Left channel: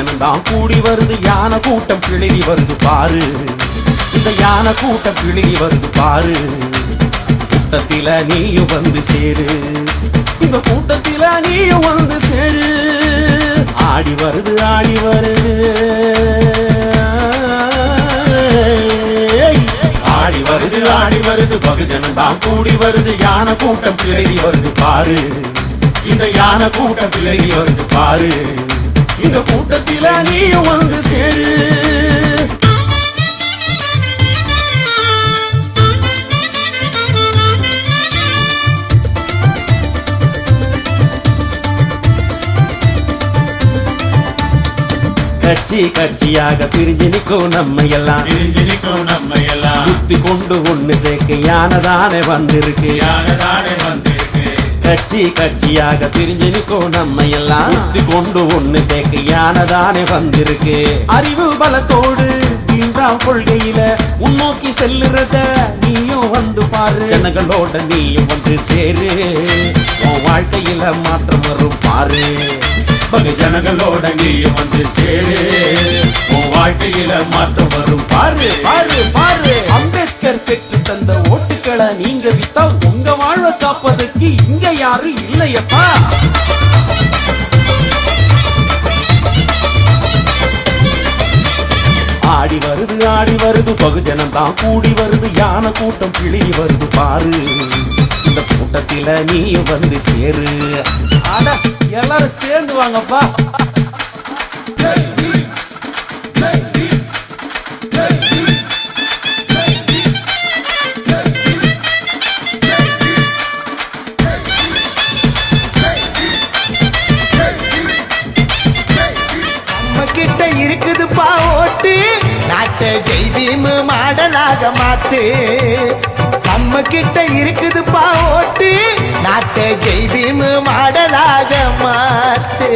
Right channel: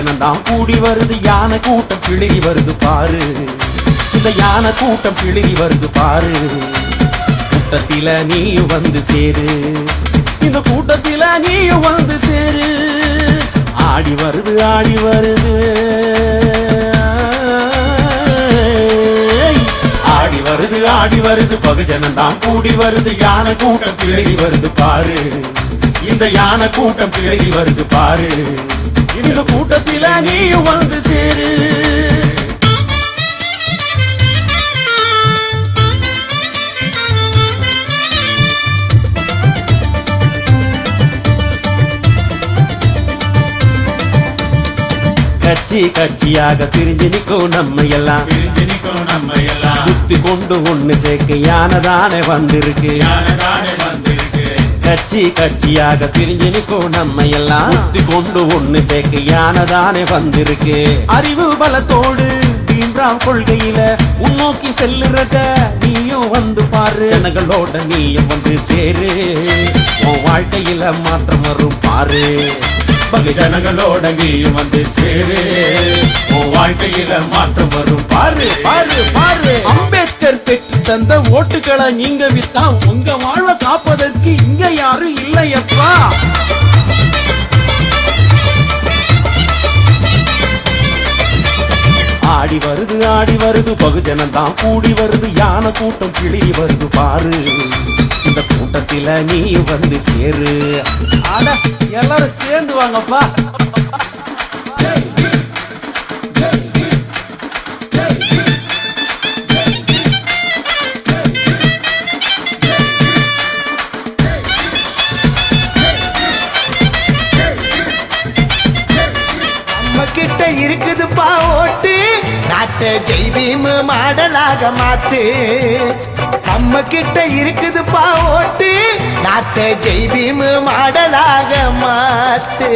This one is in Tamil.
பகுஜனம் தான் கூடி வருது, யானை கூட்டம் கிளறி வருது பாரு. இந்த யானை கூட்டம் கிளறி வருது பாரு. கூட்டத்தில நீயும் வந்து சேரு, இந்த கூட்டத்தில நீயும் வந்து சேரு. ஆடி வருது ஆடி வருது ஆடி வருது ஆடி வருது, பகுஜனம் தான் கூடி வருது, யானை கூட்டம் கிளறி வருது பாரு. இந்த யானை கூட்டம் கிளறி வருது பாரு. இந்த கூட்டத்தில நீயும் வந்து சேரு. கட்சி கட்சியாக பிரிஞ்சு நிற்கும் நம்ம எல்லாம், புத்தி கொண்டு ஒண்ணு சேர்க்க யானதானே வந்திருக்கு. கட்சி கட்சியாக பிரிஞ்சு நிற்கும் நம்ம எல்லாம், புத்தி கொண்டு ஒண்ணு சேர்க்க யானதானே வந்திருக்கு. அறிவு பலத்தோடு வீண்டாம் கொள்கையில முன்னோக்கி செல்லுறத நீயும் வந்து பாரு. ஜனங்களோட நீயும் வந்து சேரு, உன் வாழ்க்கையில மாற்றம் வரும் பாரு. பகுஜனங்களோட நீயும் வந்து சேரு, உன் வாழ்க்கையில மாற்றம் வரும் பாரு பாரு பாரு. அம்பேத்கர் பெற்று தந்த ஓட்டுகளை நீங்க வித்தா உங்க வாழ்வை காப்பதற்கு இங்க யாரும் இல்லையப்பா. ஆடி வருது பகுஜனம் தான் கூடி வருது, யானை கூட்டம் கிளறி வருது பாரு. இந்த கூட்டத்தில நீயும் வந்து சேரு. அட எல்லாரும் சேர்ந்து வாங்கப்பா. நம்ம கிட்ட இருக்குதுப்பா ஓட்டு, நாட்டை ஜெய்பீம் மாடலாக மாத்து. நம்ம கிட்ட இருக்குதுப்பா ஓட்டு, நாட்டை ஜெய்பீம் மாடலாக மாத்து.